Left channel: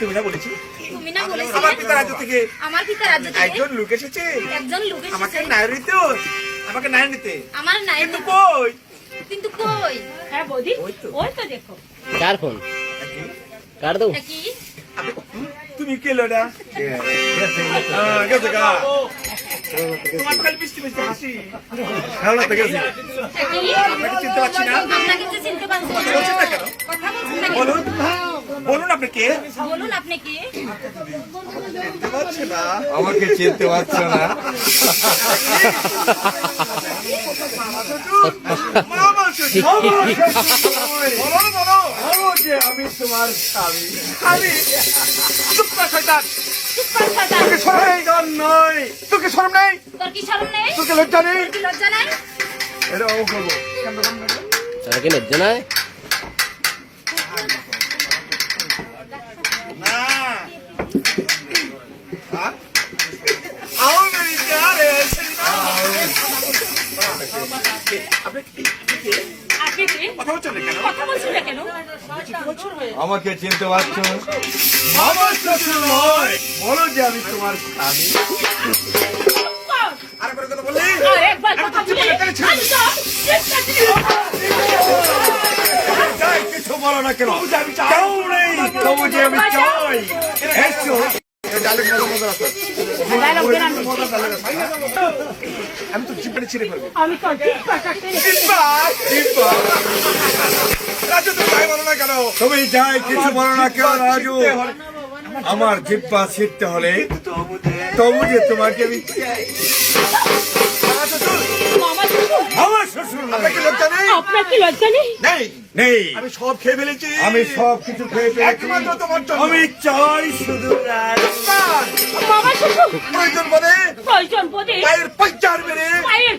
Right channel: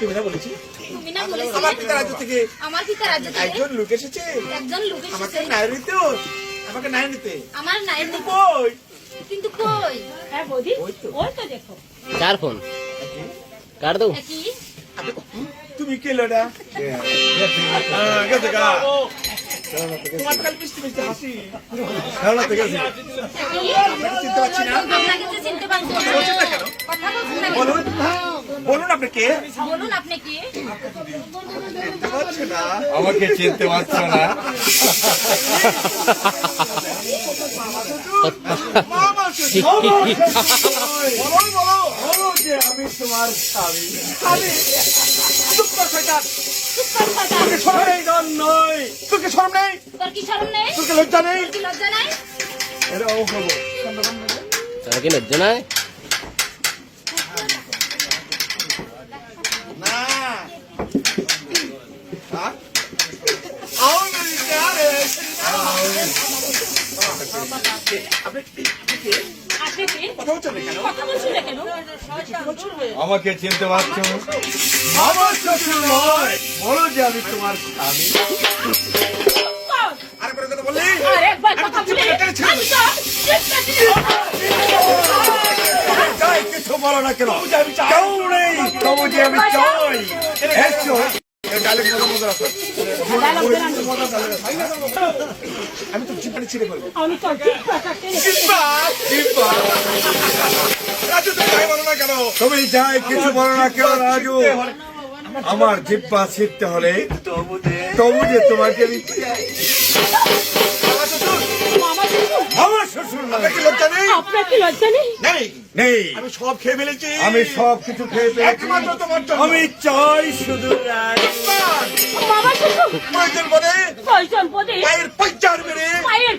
তুমি না বলেছি তুমি না বলেছিলে? আমার পিতা রাজ্য থেকে আমার পিতা রাজ্য থেকে একজন লোক এসেছে। একজন লোক আমাকে নাই নিতে আমাকে নাই নিতে। আমার নাই কিন্তু কই? কিন্তু কই? হ্যাঁ বৌদি ওই তো। ওই তো দেখো। কার ফোন? কার দাও? কি তুমি কে লোডা? গেছে গা তোমার তো খালি মিষ্টি মিষ্টি হাসি। খেলা থেকে গেছি কি চিনতে পারছি না আপনাকে তো চিনতে পারছি না বলছেন না কেন কথা বলছেন না কেন? বলুন। বলুন আপনি কে? বলুন আপনি কি? চিনতে পারছে না আমাকে চিনতে পারছ না। মামা শ্বশুর। বলো বলো বলো যে চুপ কর শয়তান। তোকে শয়তান। নয় তোকে শরম নেই? তোর কি শরম নেই? তোকে লজ্জা নেই? লজ্জা নাই? এটা ও করব। তারা কি লজ্জা নাই না। হ্যাঁ? আউন মেরিতে আরে আপনি আপনি কি? কথা বলছেন কেন? কথা বলছেন কেন? আমাকে চিনতে পারছ? আমার শ্বশুর নয় বলো যে আমি তোমার স্বামী। কথা বললি? বলে কিছু না কেন? কেউ নেই তবু যে আমি চাই। এসো। আমি তো জিপানি ছিঁড়ে ফেলব। আমি তো তুমি যাই কিছু বলো না কেন রাজু? আমার জিব্বা ছিটতে হলে তবু যে তোমাকে আমি চাই আমার শ্বশুর নেই। আমি সব খেয়ে ফেলেছি। আমি সব কিছু খেয়ে ফেলেছি। একমাত্র তোমার জন্য। আমি চাই শুধু প্রয়োজন পদে? প্রয়োজন বোধে পায়ের পঞ্চার মেরে পায়ের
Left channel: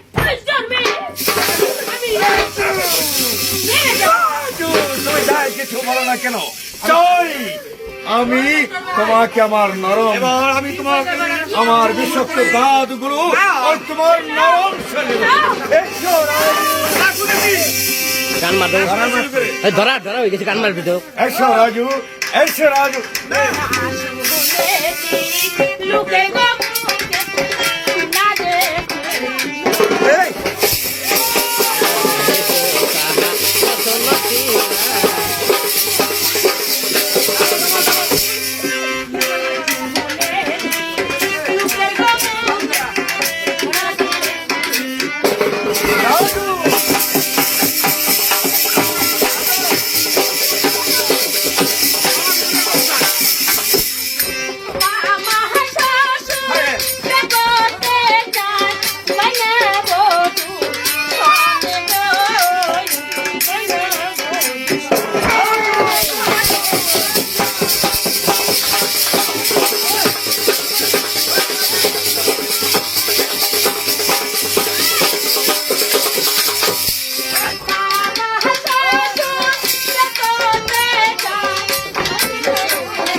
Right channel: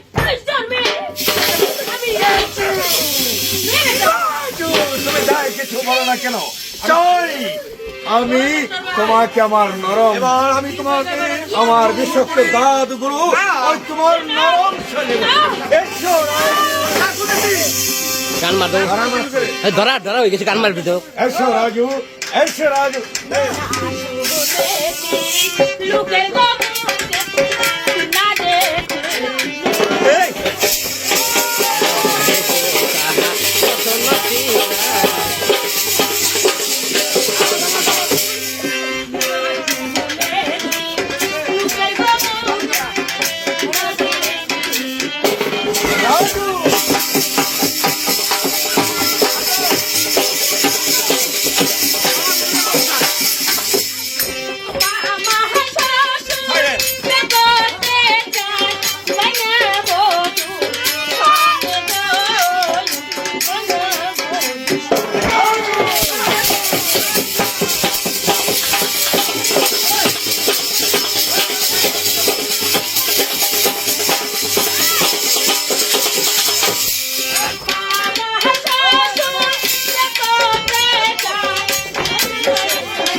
যাই কিছু বলো না কেন? চাই আমি তোমাকে আমার নরম এবার আমি তোমাকে আমার বিষাক্ত দাঁতগুলো আর তোমার নরম শরীর এসো গান মার। দাও এই ধরা ধরা হয়ে গেছে গান মারবি তো। এসো রাজু এসো রাজু। লোকের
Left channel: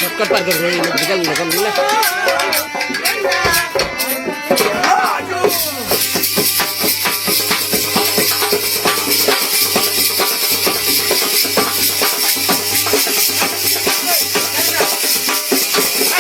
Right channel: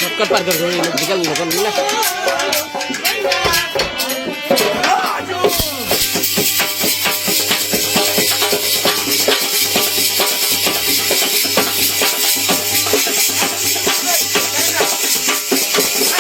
চক্কর পার করব বিকাল লোক না Just